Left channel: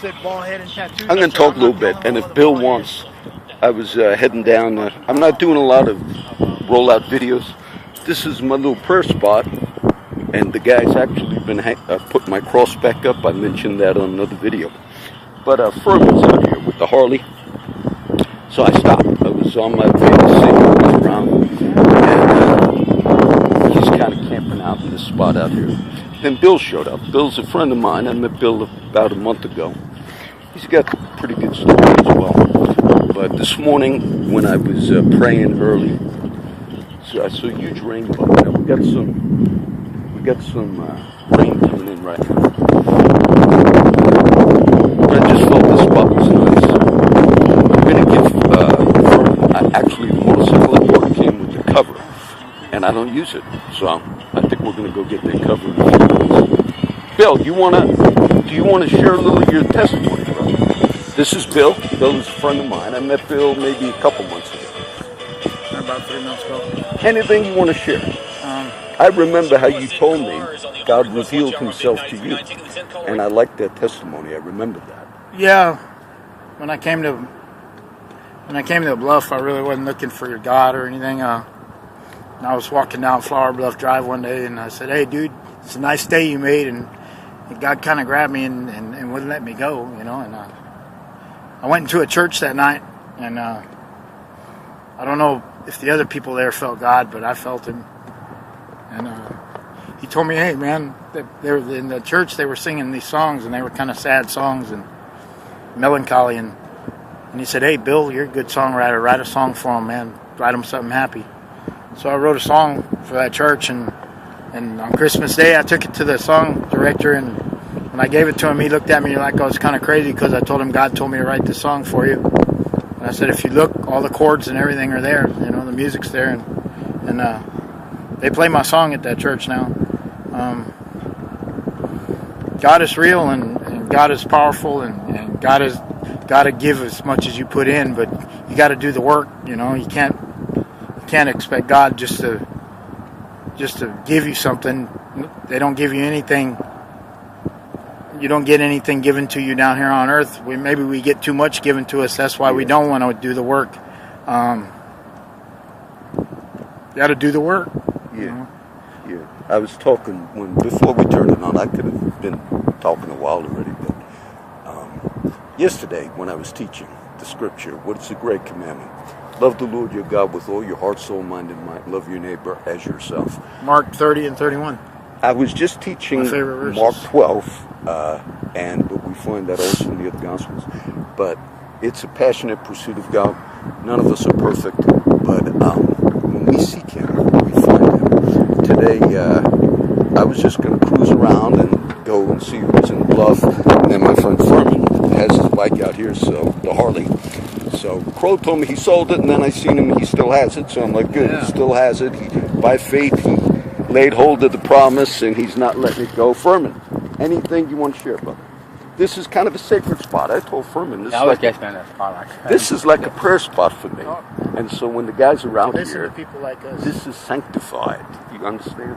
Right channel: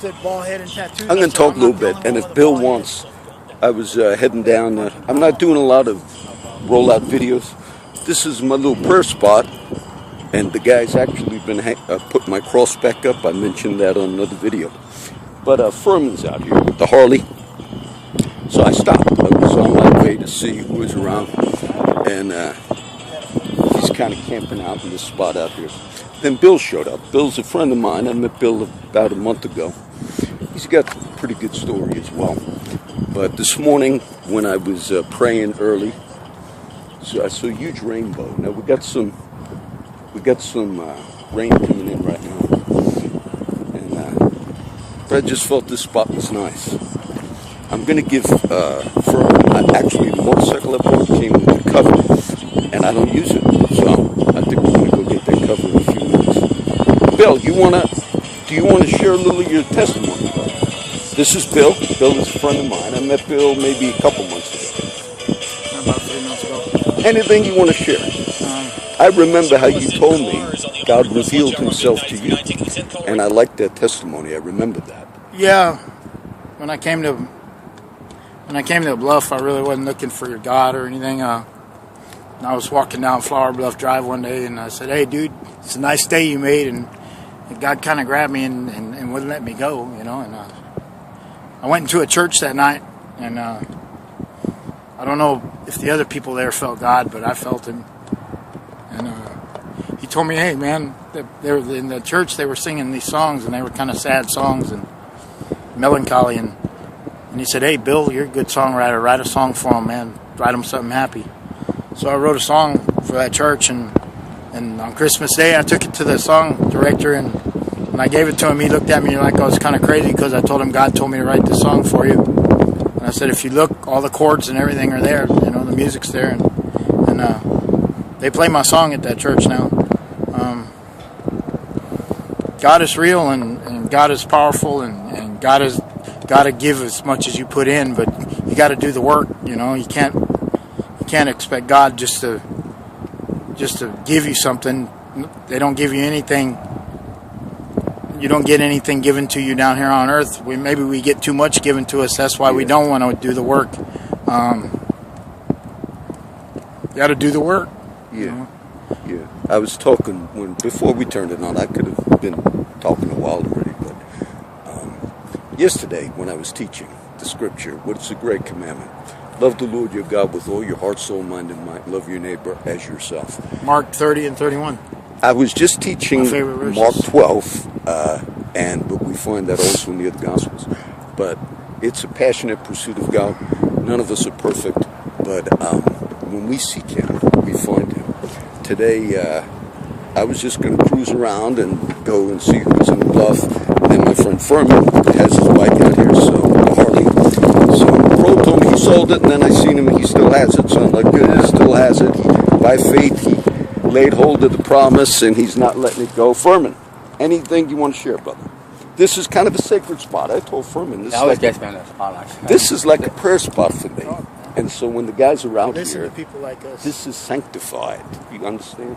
I'm going to talk a little bit, and if Bill wants, I was heading down. I'm not doing a lot of rollout videos. This is my little prayer spot, and the guy's actually been putting my cross back up. I mentioned that on another video. But Furman's out here with the Harley, so I stopped. I was on my way to see him move around, and he's kind of camping out in this spot out here. Then Bill showed up. Bill's a friend of mine. I met Bill about a month ago. He's got pretty good story as well. But this morning, when I was praying early, so I saw a huge rainbow. Now we got some rain coming in right now. But I just felt this spot was nice. I'm gonna give actually the motorcycle I bought came with the cover, and I don't use it, so I think we're gonna go get that cover in a few minutes. Bill, do you wanna share a little of your testimony? This is Bill. Bill is a friend of mine. I met Bill maybe a couple months ago. About 3 months ago. Anything you want to share? I remember how you told me God revealed himself to you. And I like that testimony. I remember that. Yeah. When I came to Bluff, I really wasn't looking for your God or anything. And I was walking down Flower Bluff Drive one day, and I said, "Hey, dude, it's a nice day you made." And God kind of grabbed me and wouldn't let me go, you know. And I went into a church that night, and I don't know if the other people there felt God, but I felt him. And he told me, "Hey, man," they were in the church. They were singing these songs, and they were kind of sad songs and melancholy. And he said, "Hey, Bill, you're a good songwriter. Write a song for them, man. Write them something happy." So I wrote a song for that church, and on Christmas Day, I took it to the song director, and when I gave it to him, he looked at me like I was kind of crazy because I told him God told me to write this song for you. And I said, if you look, all the chords and everything are there. You know, the music's there. And they play my song at that church now. God is real, and God is powerful, and God is got to give as much as you put in, but you got to do the work. You know, you can't expect God just to give you something. They don't give you anything. You don't get anything given to you down here on earth. Maybe we get too much given to us. That's why we don't want to do the work. Got to do the work. Yeah. You know? Yeah. I was talking before we turned it on. I could have been talking a while already, but yesterday when I was teaching the scripture, what is the great commandment? Love the Lord your God with all your heart, soul, mind, and might. Love your neighbor as yourself. Mark 30 and 31. I was just teaching Mark 12, but we find that also in the other Gospels. But it's a passionate pursuit of God. None of us are perfect, but when we seek Him, we find Him. Today, I was just going to cruise around and go and see who's in Bluff. And my friend Furman has his bike out here, so a Harley. So Pro told me he sold it, and then I seen him and he still has it. So I'm like, good, he still has it. By faith, he laid hold of the promise, and he's not letting it go. Furman, anything you want to share, brother? This is kind of a sacred spot. I told Furman this is like a prayer spot for me. And so when the guys are out Listen here, to people like us. this is sanctified. You understand?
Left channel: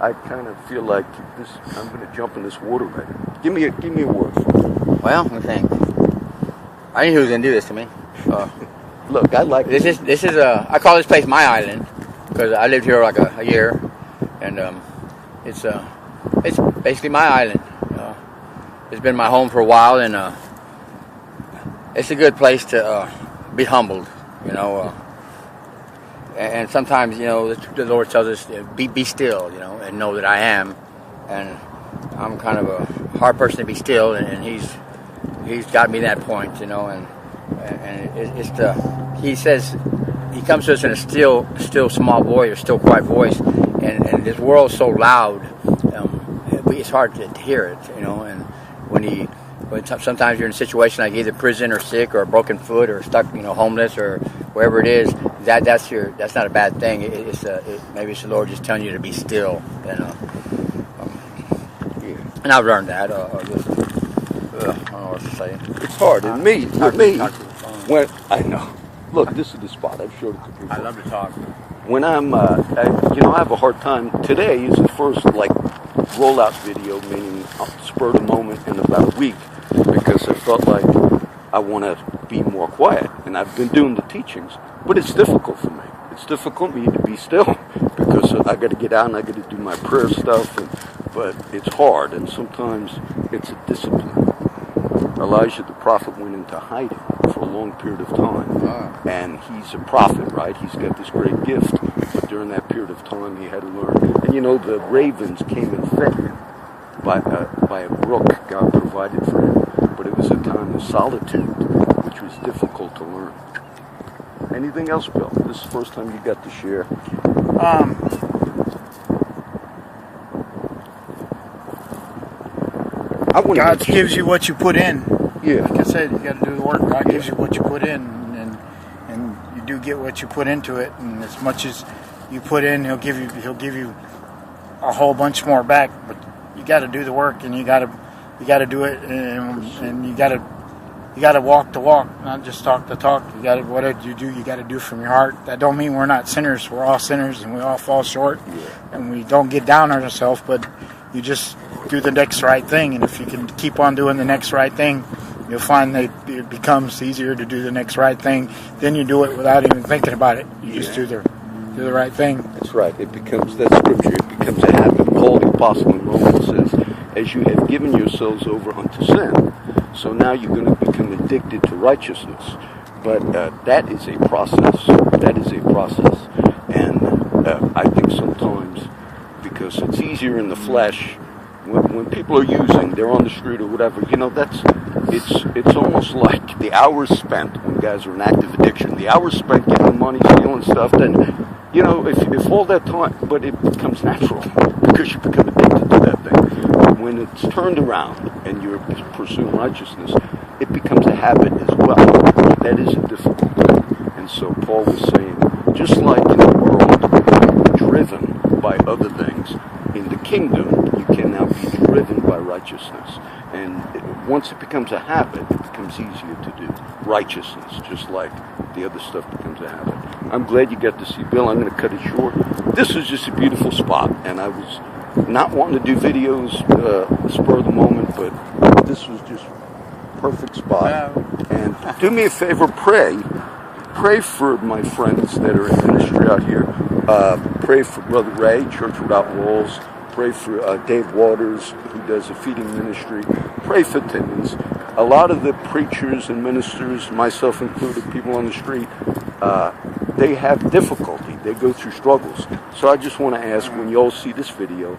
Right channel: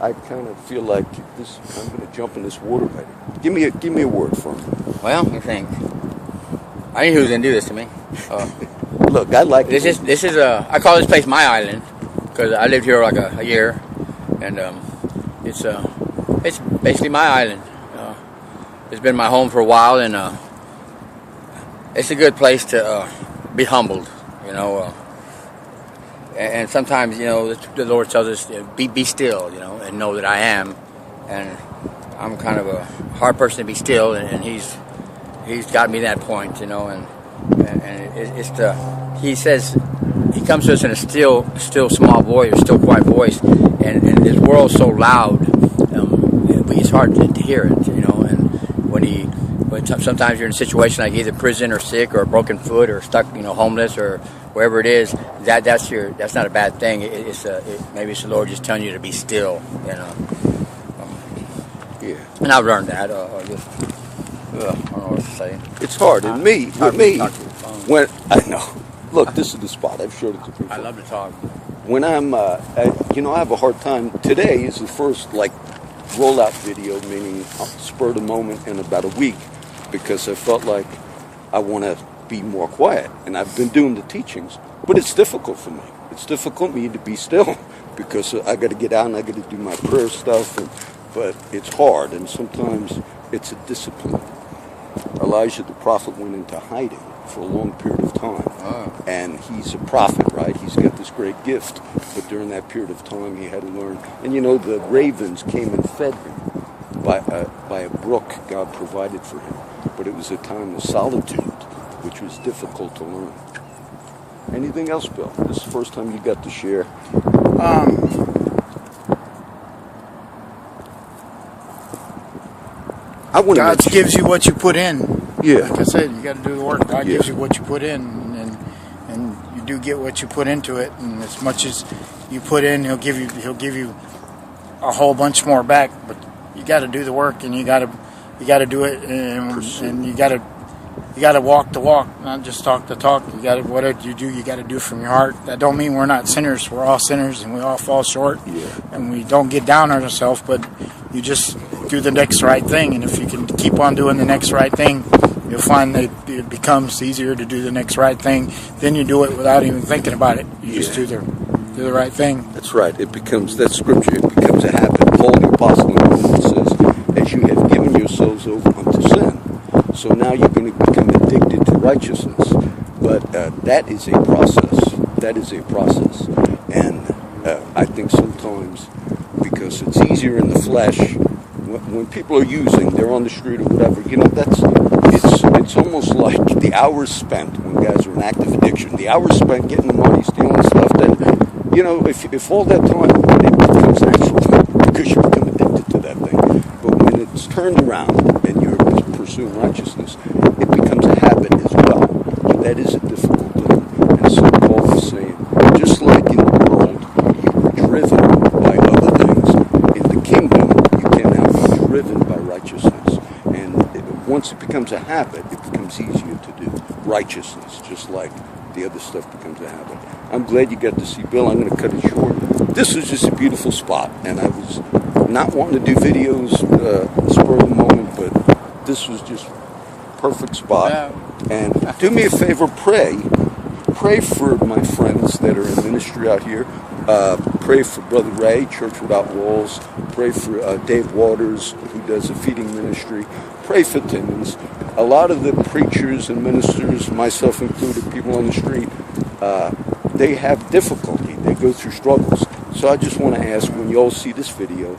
I kind of feel like this. I'm going to jump in this water right here. Give me a word for it. Well, I think I knew who was going to do this to me. Look, I like this. I call this place my island because I lived here like a year, and it's basically my island. It's been my home for a while, and it's a good place to be humbled, you know. And sometimes, you know, the Lord tells us, be still, you know, and know that I am. And I'm kind of a hard person to be still, and He's got me to that point, you know. And He says He comes to us in a still small voice, or still quiet voice, and this world's so loud, it's hard to hear it, you know. And sometimes you're in a situation like either prison or sick or a broken foot or stuck, you know, homeless or wherever it is, that's not a bad thing. Maybe it's the Lord just telling you to be still, you know. And I've learned that. I don't know what to say. It's hard. And with me, when I know, look, this is the spot. I've showed it to people. I love to talk. When I have a hard time. Today is the first rollout video, meaning spur of the moment in about a week. because I felt like I want to be more quiet. And I've been doing the teachings, but it's difficult for me. It's difficult for me to be still because I got to get out and I got to do my prayer stuff. But it's hard, and sometimes it's a discipline. Elijah the prophet went into hiding for a long period of time, and he's a prophet, right? He's got this great gift, but during that period of time, he had to learn. And the ravens came and fed him by a brook God provided for him, but it was a time of solitude, which was difficult to learn. Anything else, Bill? This is the first time you got to share. God gives you what you put in. Yeah. Like I said, you got to do the work. God gives you what you put in, and you do get what you put into it. And as much as you put in, He'll give you a whole bunch more back. But you got to do the work, and you got to do it, and you got to walk the walk, not just talk the talk. You got to whatever you do, you got to do from your heart. That don't mean we're not sinners. We're all sinners, and we all fall short. Yeah. And we don't get down on ourselves, but you just do the next right thing. And if you can keep on doing the next right thing, you'll find that it becomes easier to do the next right thing. Then you do it without even thinking about it. You just do the right thing. That's right. It becomes that scripture. It becomes a habit. Paul the apostle in Romans says, "As you have given yourselves over unto sin, so now you're going to become addicted to righteousness." But that is a process. That is a process, and I think sometimes because it's easier in the flesh. When people are using, they're on the street or whatever, it's almost like the hours spent when guys are in active addiction, the hours spent getting money, stealing stuff, then, if all that time, but it becomes natural because you become addicted to that thing. When it's turned around and you're pursuing righteousness, it becomes a habit as well. That is a difficult thing. And so Paul is saying, just like in the world, you're driven by other things, in the kingdom, driven by righteousness, and once it becomes a habit, it becomes easier to do righteousness, just like the other stuff becomes a habit. I'm glad you got to see Bill. I'm going to cut it short. This was just a beautiful spot, and I was not wanting to do videos spur of the moment, but this was just perfect spot. Yeah. And do me a favor, pray for my friends that are in ministry out here. Pray for Brother Ray, Church Without Walls. Pray for Dave Waters, who does a feeding ministry. Pray for Timmons. A lot of the preachers and ministers, myself included, people on the street, they have difficulty. They go through struggles. So I just want to ask, when you all see this video,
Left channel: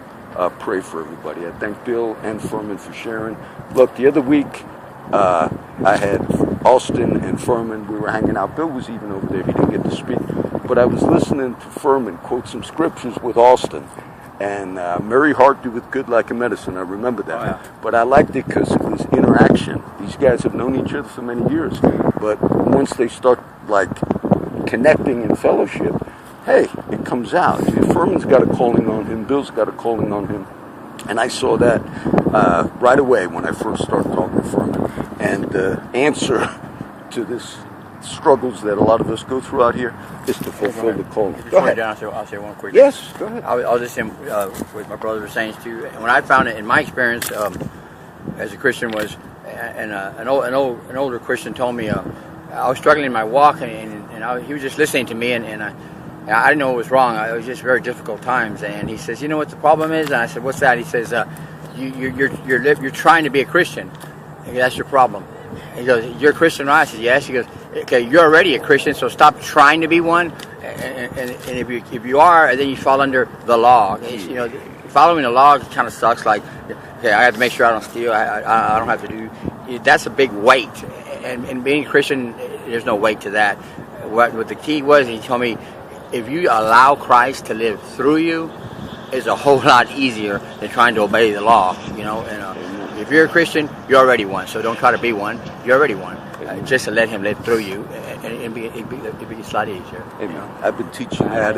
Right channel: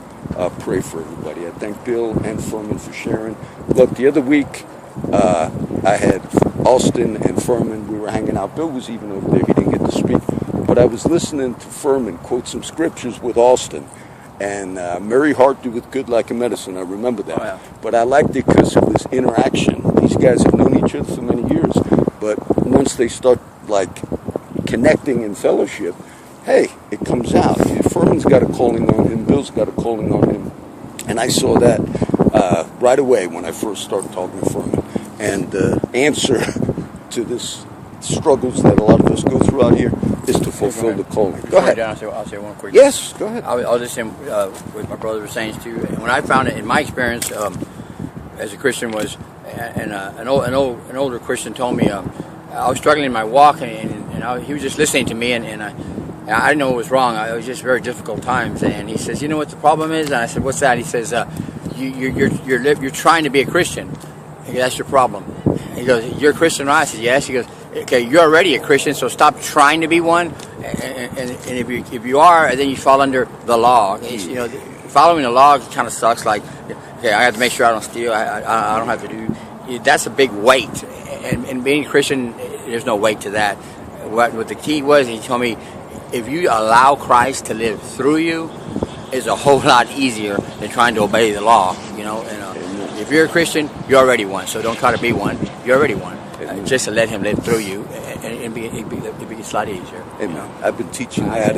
pray for everybody. I thank Bill and Furman for sharing. Look, the other week, I had Austin and Furman. We were hanging out. Bill was even over there. He didn't get to speak. But I was listening to Furman quote some scriptures with Austin. And merry heart doeth good like a medicine. I remember that. Oh, yeah. But I liked it because of this interaction. These guys have known each other for many years. But once they start, connecting in fellowship, hey, it comes out. Furman's got a calling on him. Bill's got a calling on him. And I saw that right away when I first started talking to Furman. And the answer to this struggles that a lot of us go through out here is to fulfill the calling. Go ahead. I'll say one quick. Yes, go ahead. I'll just say what my brother was saying too. When I found it in my experience as a Christian was, and an older Christian told me I was struggling in my walk, and he was just listening to me, and I didn't know it was wrong. It was just very difficult times, and he says, "You know what the problem is?" And I said, "What's that?" He says, "You're trying to be a Christian. That's your problem." He goes, "You're a Christian, right?" I said, "Yes." He goes, "Okay, you're already a Christian, so stop trying to be one. And if you are, then you fall under the law. Following the law kind of sucks. Like, okay, I have to make sure I don't steal. I don't have to do. That's a big weight. And being a Christian, there's no weight to that. What the key was, he told me, if you allow Christ to live through you, it's a whole lot easier than trying to obey the law. If you're a Christian, you're already one. So don't try to be one. You're already one. Just to let Him live through you, and it'd be a lot easier. I've been teaching that.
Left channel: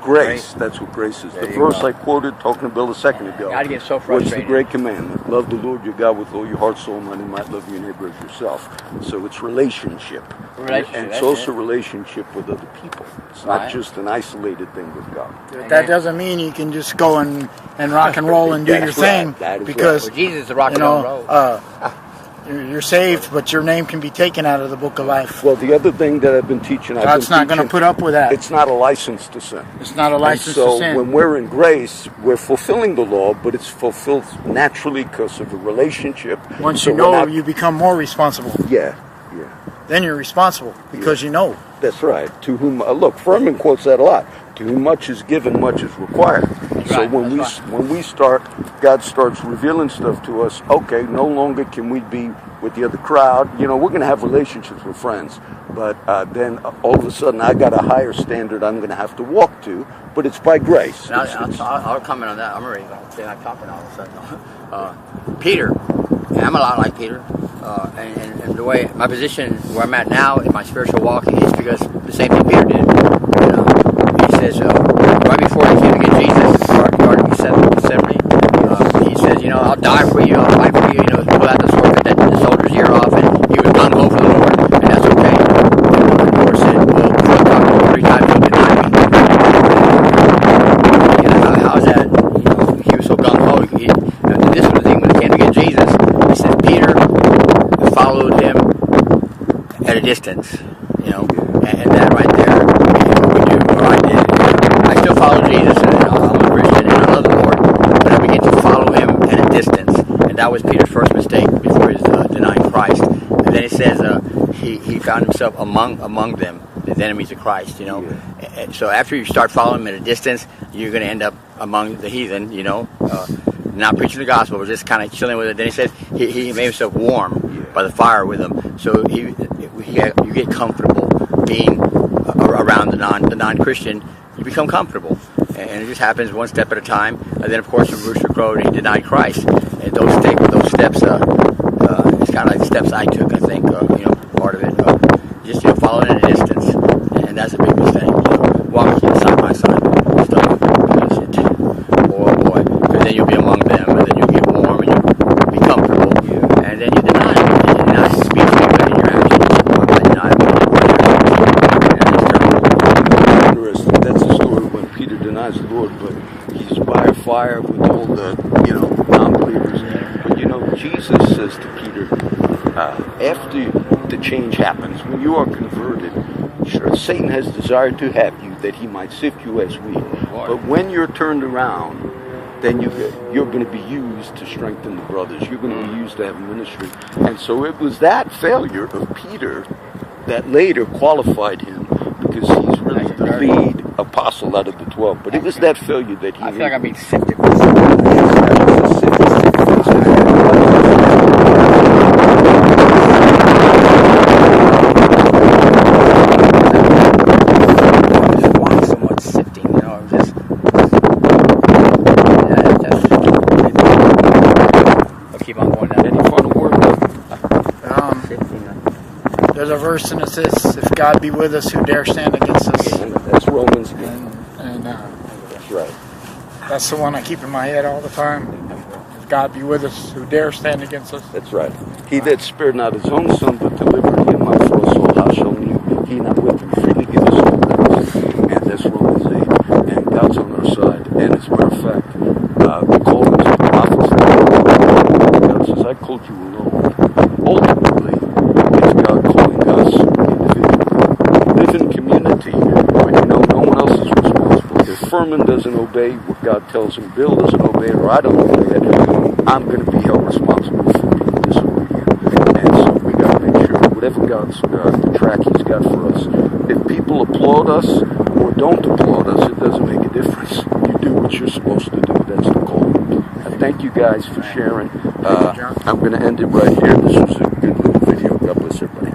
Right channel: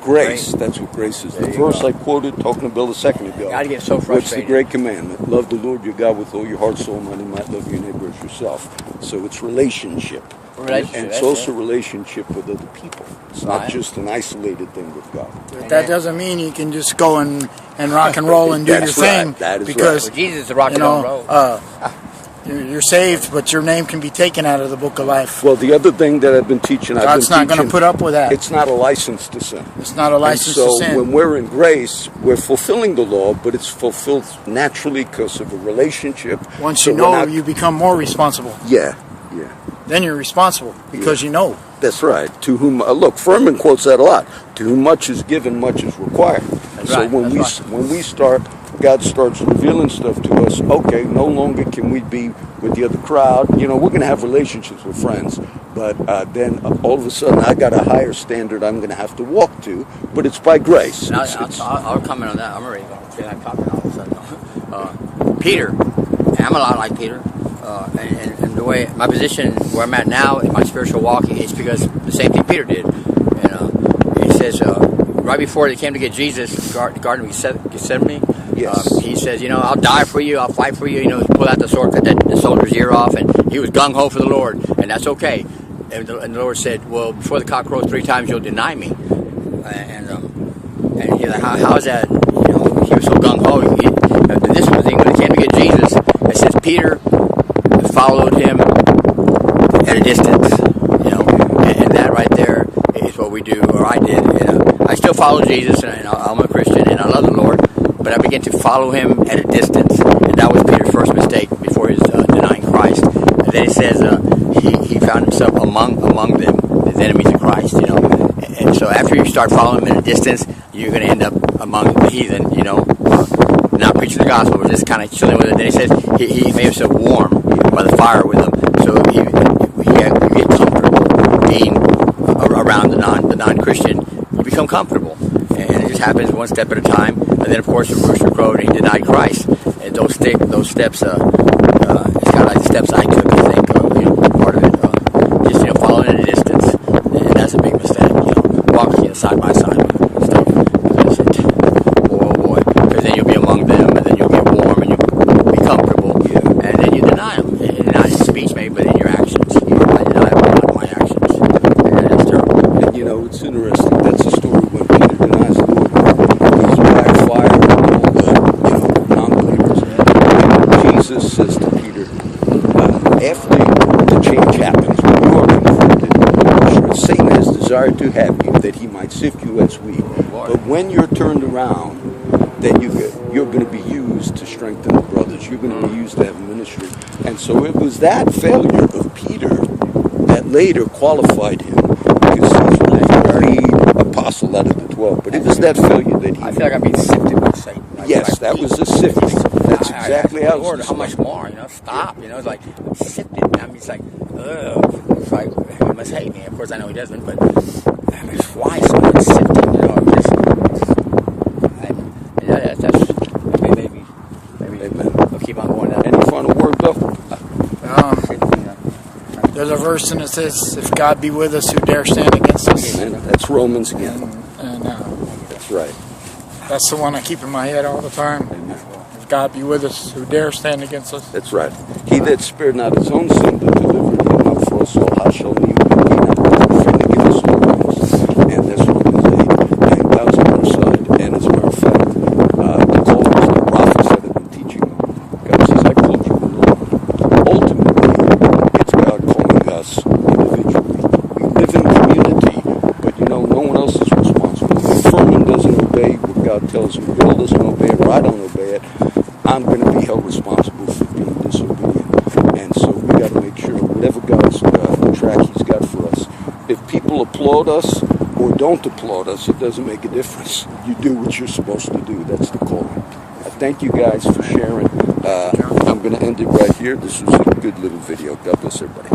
Grace. Great? That's what grace is. The verse I quoted, talking to Bill a second ago. I get so frustrated. What's the great commandment? Love the Lord your God with all your heart, soul, mind, and might. Love your neighbor as yourself. So it's relationship. And it's also relationship with other people. It's not just an isolated thing with God. That doesn't mean you can just go and rock and roll and do your thing. That is because Jesus is rock and roll. You're saved, but your name can be taken out of the book of life. Well, the other thing that I've been teaching, God's not going to put up with that. It's not a license to sin. It's not a license to sin. So when we're in grace, we're fulfilling the law, but it's fulfilled naturally because of a relationship. Once you know, you become more responsible. Yeah. Then you're responsible because you know. That's right. To whom, look, Furman quotes that a lot. To whom much is given, much is required. So when we start, God starts revealing stuff to us. Okay, no longer can we be with the other crowd. You know, we're going to have relationships with friends, but then all of a sudden, I got a higher standard I'm going to have to walk to. But it's by grace. I'll comment on that. I'm already talking all of a sudden. Peter, I'm a lot like Peter. And the way my position where I'm at now in my spiritual walk is because the same thing Peter did. He says right before they came to get Jesus, Garden of Gethsemane, he says, I'll die for you, I'll fight for you. Pull out the sword, cut the soldier's ear off, and he was gung ho for the Lord, and that's okay. And the Lord said, well, before the cock crows 3 times, you'll deny me. How is that? He was so gung ho. This was the thing when he came to get Jesus. He says Peter followed him at a distance, and that right there is what we do, or I did. I still follow Jesus, and I'm a Christian, and I love the Lord, but I began to follow him at a distance, and that was Peter's first mistake before his denying Christ. And then it says he found himself among them, as enemies of Christ, And so after you start following him at a distance, you're going to end up among the heathen, not preaching the gospel, but just kind of chilling with it. Then he says he made himself warm by the fire with them, so you get comfortable being around the non-Christian. You become comfortable, and it just happens one step at a time. And then, of course, the rooster crowed and he denied Christ. And those steps, it's kind of like the steps I took. I think, part of it, just following at a distance, and that's a big mistake. Walking side by side. Boy, because then you'll be among them, and then you'll get warm, and you'll be comfortable, and then you deny it. And not speak to me, but in your actions. I deny it in my actions. It's interesting. That's the story when Peter denies the Lord. He's by fire with all the, non-believers. And Jesus says to Peter, after the change happens, when you are converted, sure, Satan has desired to have you, that he might sift you as wheat. But when you're turned around, then you're going to be used to strengthen the brothers. You're going to be used to have ministry. And so it was that failure of Peter that later qualified him because he's the lead apostle out of the 12. But it was that failure that he... I feel like I'm being sifted with Yes, that was a sifting. There's a verse and it says, if God be with us, who dare stand against us? Yeah, that's Romans again. And that's right. That's the one I keep in my head all the time. If God be with us, who dare stand against us? That's right. He that spared not his own son, but delivered him up for us all, how shall he not freely give us all? And that's Romans 8. And God's on our side. And as a matter of fact, the call to the prophets, God says, I've called you alone. Ultimately, it's God calling us individually. We live in community, but no one else is responsible. If Furman doesn't obey what God tells him, Bill doesn't obey it, or I don't obey it, I'm going to be held responsible for being disobedient. And so we got to make sure whatever God's the track He's got for us. If people applaud us or don't applaud us, it doesn't make a difference. You do what you're supposed to do. That's the call. Thank you guys for sharing. I'm going to end it right here. This was a good little video. God bless everybody.